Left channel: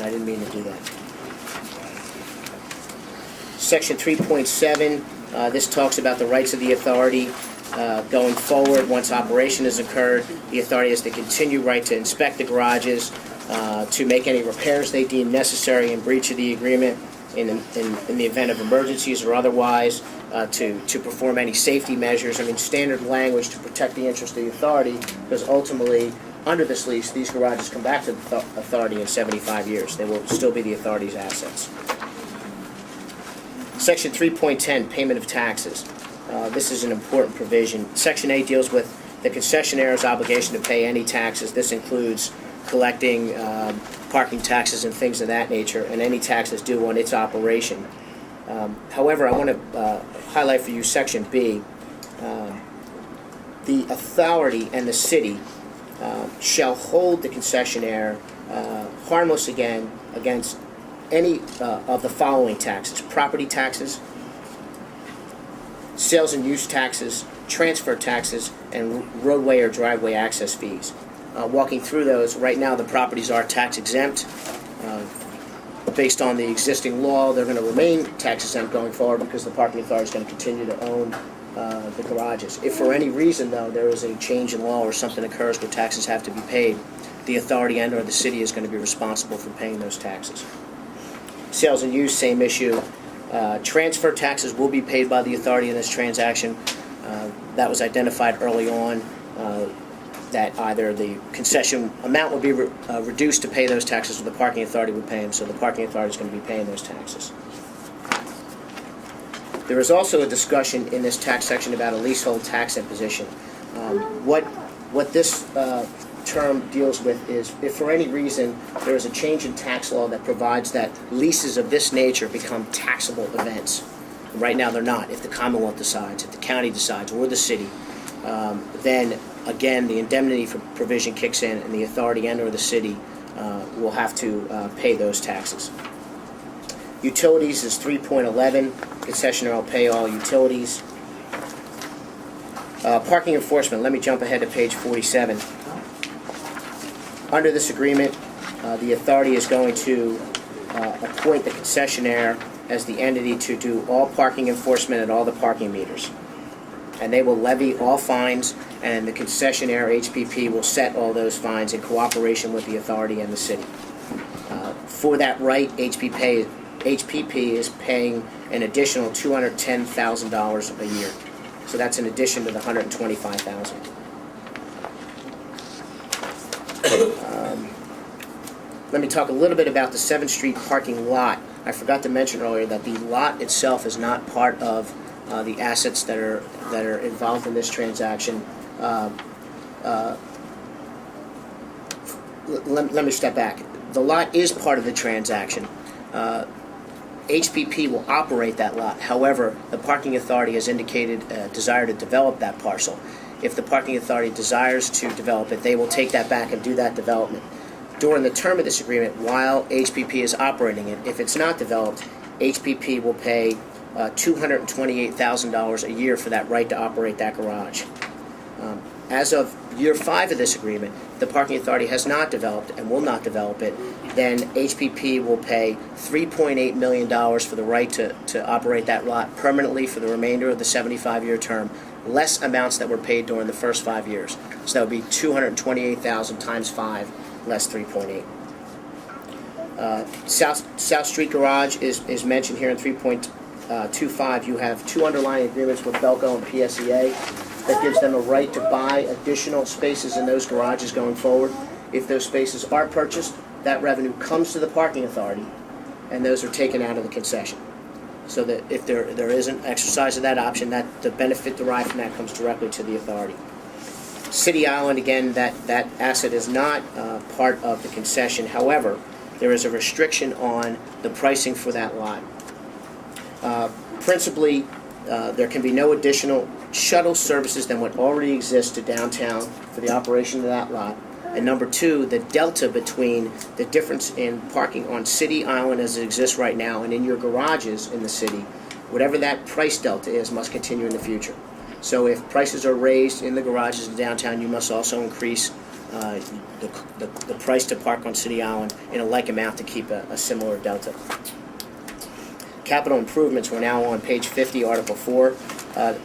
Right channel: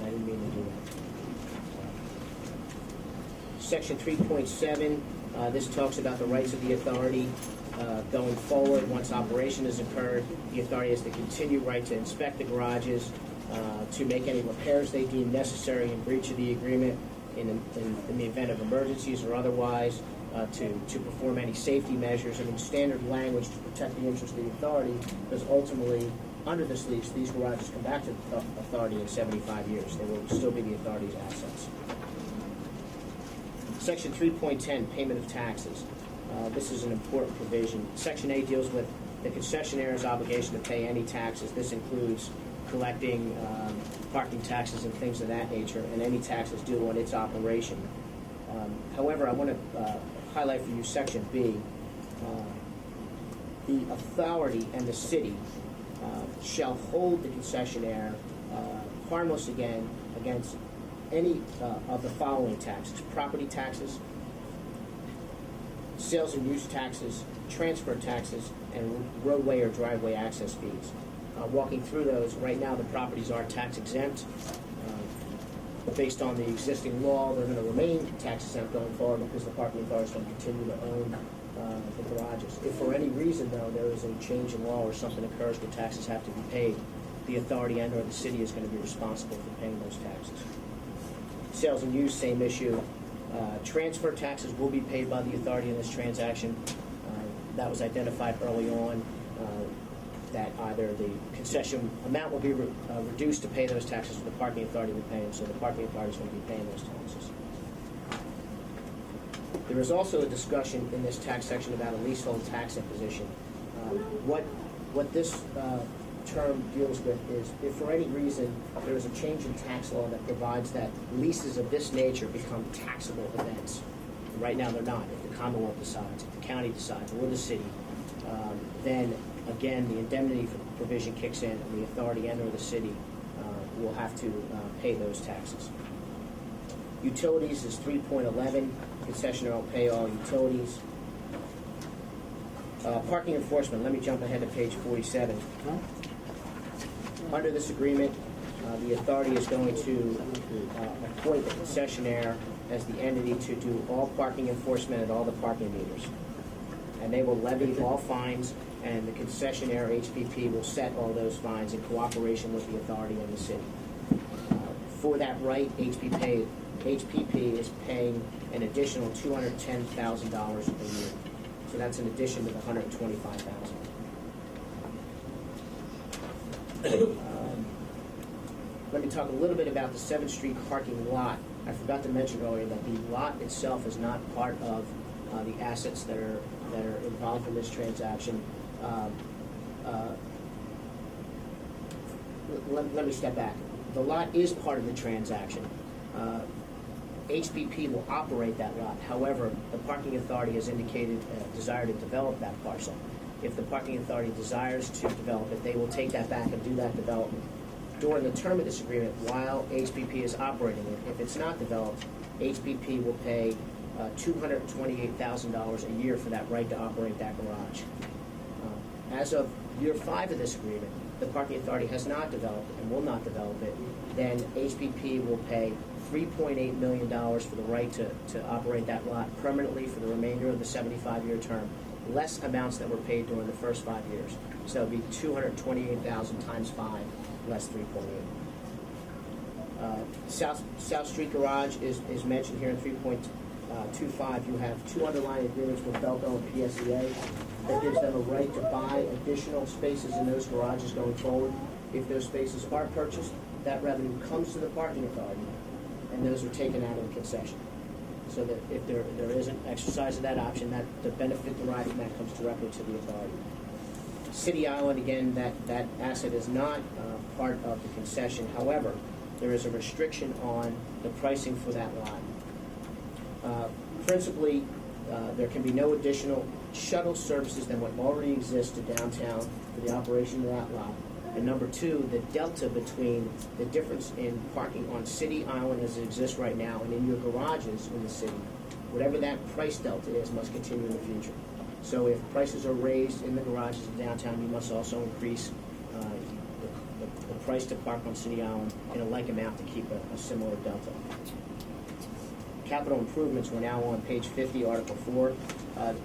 correction. I didn't mean to do that. Section 3.7, this talks about the rights of the authority going forward. Once operation has occurred, the authority has the continued right to inspect the garages, to make any repairs they deem necessary in breach of the agreement in the event of emergencies or otherwise, to perform any safety measures. I mean, standard language to protect the interest of the authority, because ultimately, under this lease, these garages come back to the authority in 75 years. They will still be the authority's assets. Section 3.10, payment of taxes. This is an important provision. Section 8 deals with the concessionaire's obligation to pay any taxes. This includes collecting parking taxes and things of that nature, and any taxes due on its operation. However, I want to highlight for you Section B. The authority and the city shall hold the concessionaire harmless against any of the following taxes: property taxes, sales and use taxes, transfer taxes, and roadway or driveway access fees. Walking through those, right now the properties are tax exempt. Based on the existing law, they're going to remain tax exempt going forward because the parking authority is going to continue to own the garages. If for any reason, though, there is a change in law or something occurs where taxes have to be paid, the authority and or the city is going to be responsible for paying those taxes. Sales and use, same issue. Transfer taxes will be paid by the authority in this transaction. That was identified early on, that either the concession amount would be reduced to pay those taxes or the parking authority would pay them, so the parking authority is going to be paying those taxes. There is also a discussion in this tax section about a leasehold tax imposition. What this term deals with is if for any reason there is a change in tax law that provides that leases of this nature become taxable events. Right now they're not. If the Commonwealth decides, if the county decides, or the city, then again the indemnity provision kicks in and the authority and or the city will have to pay those taxes. Utilities is 3.11. Concessionaire will pay all utilities. Parking enforcement, let me jump ahead to page 47. Under this agreement, the authority is going to appoint the concessionaire as the entity to do all parking enforcement at all the parking meters. And they will levy all fines, and the concessionaire, HPP, will set all those fines in cooperation with the authority and the city. For that right, HPP is paying an additional $210,000 a year. So that's in addition to the $125,000. Let me talk a little bit about the 7th Street parking lot. I forgot to mention earlier that the lot itself is not part of the assets that are involved in this transaction. Let me step back. The lot is part of the transaction. HPP will operate that lot. However, the parking authority has indicated a desire to develop that parcel. If the parking authority desires to develop it, they will take that back and do that development. During the term of this agreement, while HPP is operating it, if it's not developed, HPP will pay $228,000 a year for that right to operate that garage. As of year 5 of this agreement, the parking authority has not developed and will not develop it, then HPP will pay $3.8 million for the right to operate that lot permanently for the remainder of the 75-year term, less amounts that were paid during the first 5 years. So that would be $228,000 times 5, less 3.8. South Street Garage is mentioned here in 3.25. You have 2 underlying agreements with Belco and PSEA that gives them a right to buy additional spaces in those garages going forward. If those spaces are purchased, that revenue comes to the parking authority, and those are taken out of the concession. So that if there is an exercise of that option, that the benefit derived from that comes directly to the authority. City Island, again, that asset is not part of the concession. However, there is a restriction on the pricing for that lot. Principally, there can be no additional shuttle services than what already exists to downtown for the operation of that lot. And number 2, the delta between the difference in parking on City Island as it exists right now and in your garages in the city, whatever that price delta is, must continue in the future. So if prices are raised in the garages in downtown, you must also increase the price to park on City Island in a like amount to keep a similar delta. Capital improvements, we're now on page 50, Article 4.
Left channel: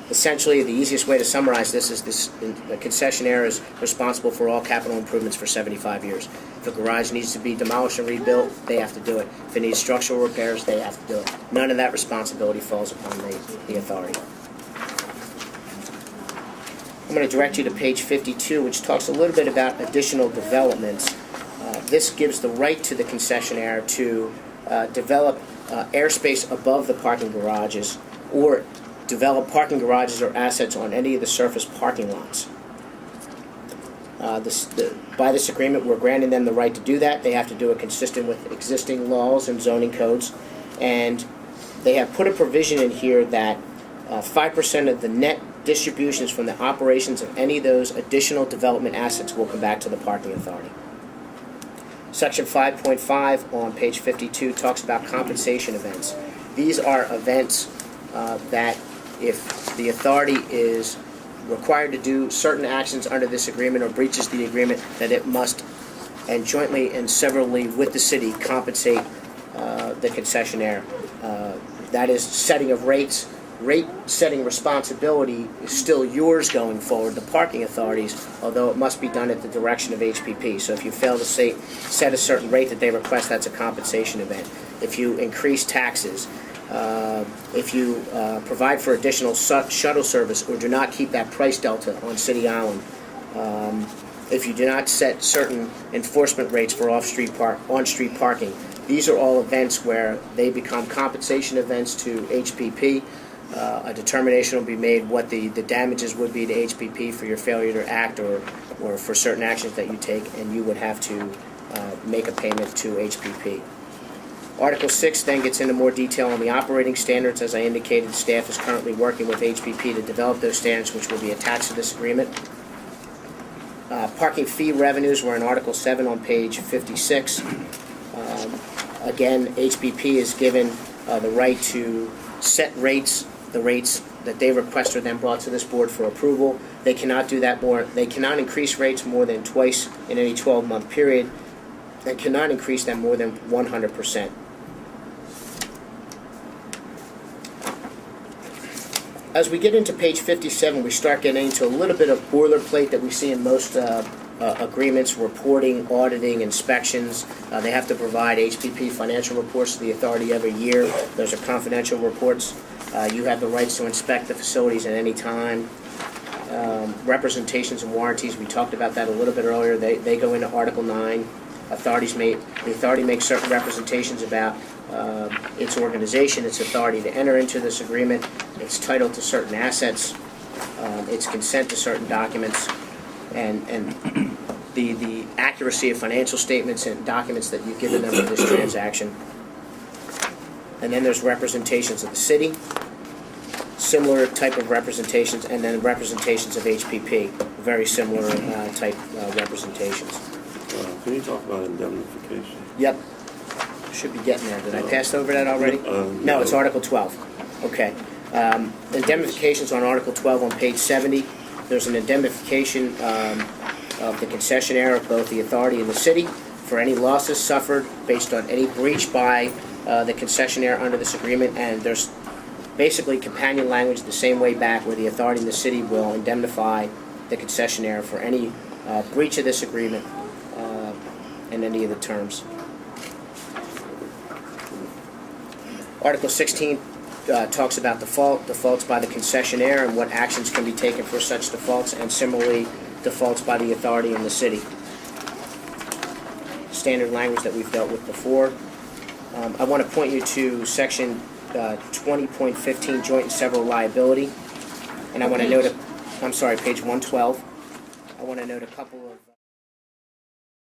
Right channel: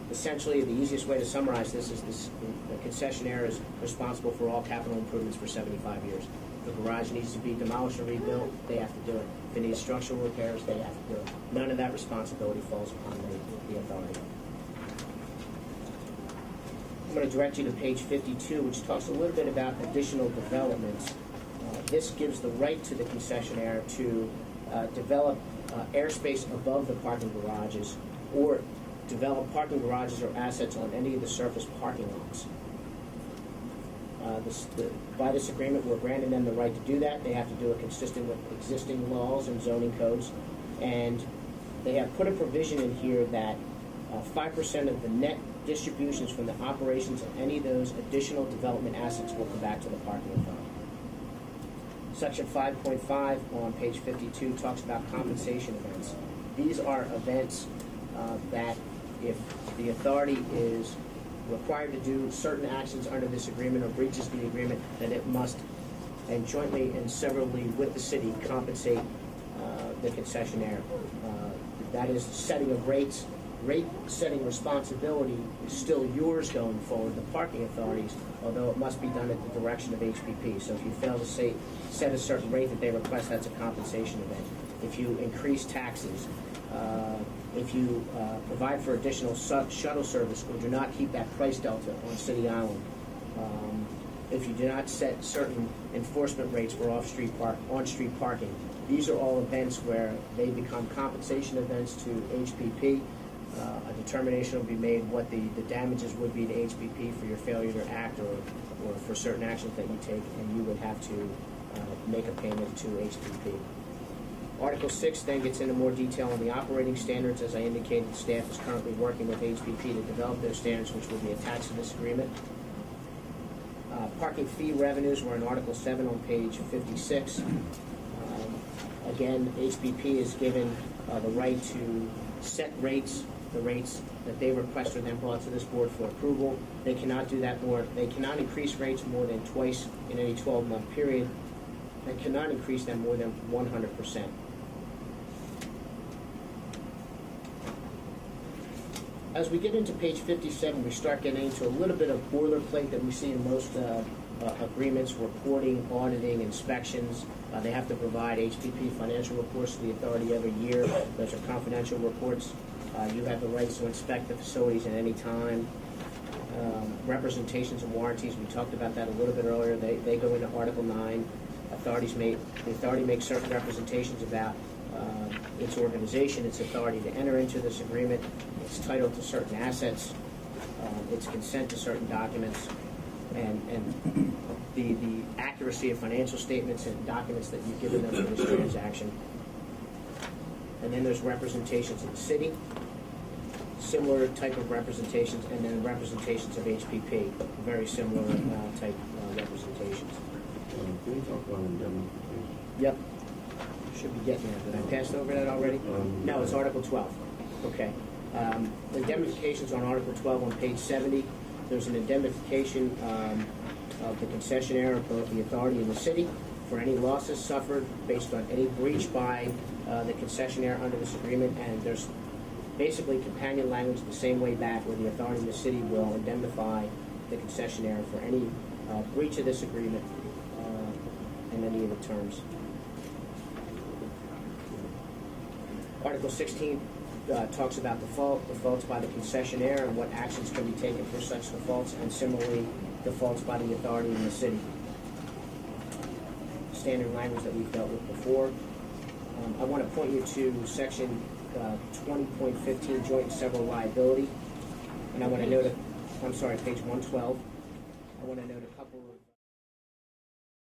Essentially, the easiest way to summarize this is the concessionaire is responsible for all capital improvements for 75 years. If a garage needs to be demolished and rebuilt, they have to do it. If it needs structural repairs, they have to do it. None of that responsibility falls upon the authority. I'm going to direct you to page 52, which talks a little bit about additional developments. This gives the right to the concessionaire to develop airspace above the parking garages or develop parking garages or assets on any of the surface parking lots. By this agreement, we're granting them the right to do that. They have to do it consistent with existing laws and zoning codes. And they have put a provision in here that 5% of the net distributions from the operations of any of those additional development assets will come back to the parking authority. Section 5.5 on page 52 talks about compensation events. These are events that if the authority is required to do certain actions under this agreement or breaches the agreement, that it must, and jointly and severally with the city, compensate the concessionaire. That is setting of rates. Rate setting responsibility is still yours going forward, the parking authorities, although it must be done at the direction of HPP. So if you fail to set a certain rate that they request, that's a compensation event. If you increase taxes, if you provide for additional shuttle service or do not keep that price delta on City Island, if you do not set certain enforcement rates for on-street parking, these are all events where they become compensation events to HPP. A determination will be made what the damages would be to HPP for your failure to act or for certain actions that you take, and you would have to make a payment to HPP. Article 6 then gets into more detail on the operating standards. As I indicated, staff is currently working with HPP to develop those standards, which will be attached to this agreement. Parking fee revenues were in Article 7 on page 56. Again, HPP is given the right to set rates. The rates that they request are then brought to this board for approval. They cannot do that more. They cannot increase rates more than twice in any 12-month period. They cannot increase them more than 100%. As we get into page 57, we start getting into a little bit of boilerplate that we see in most agreements, reporting, auditing, inspections. They have to provide HPP financial reports to the authority every year. Those are confidential reports. You have the rights to inspect the facilities at any time. Representations and warranties, we talked about that a little bit earlier. They go into Article 9. The authority makes certain representations about its organization, its authority to enter into this agreement, its title to certain assets, its consent to certain documents, and the accuracy of financial statements and documents that you've given them for this transaction. And then there's representations of the city, similar type of representations, and then representations of HPP, very similar type representations. Can you talk about indemnification? Yep. Should be getting there. Did I pass over that already? No, it's Article 12. Okay. Indemnifications on Article 12 on page 70. There's an indemnification of the concessionaire of both the authority and the city for any losses suffered based on any breach by the concessionaire under this agreement, and there's basically companion language the same way back where the authority and the city will indemnify the concessionaire for any breach of this agreement and any of the terms. Article 16 talks about defaults by the concessionaire and what actions can be taken for such defaults, and similarly defaults by the authority and the city. Standard language that we've dealt with before. I want to point you to section 20.15, joint and several liability, and I want to note, I'm sorry, page 112. I want to note a couple of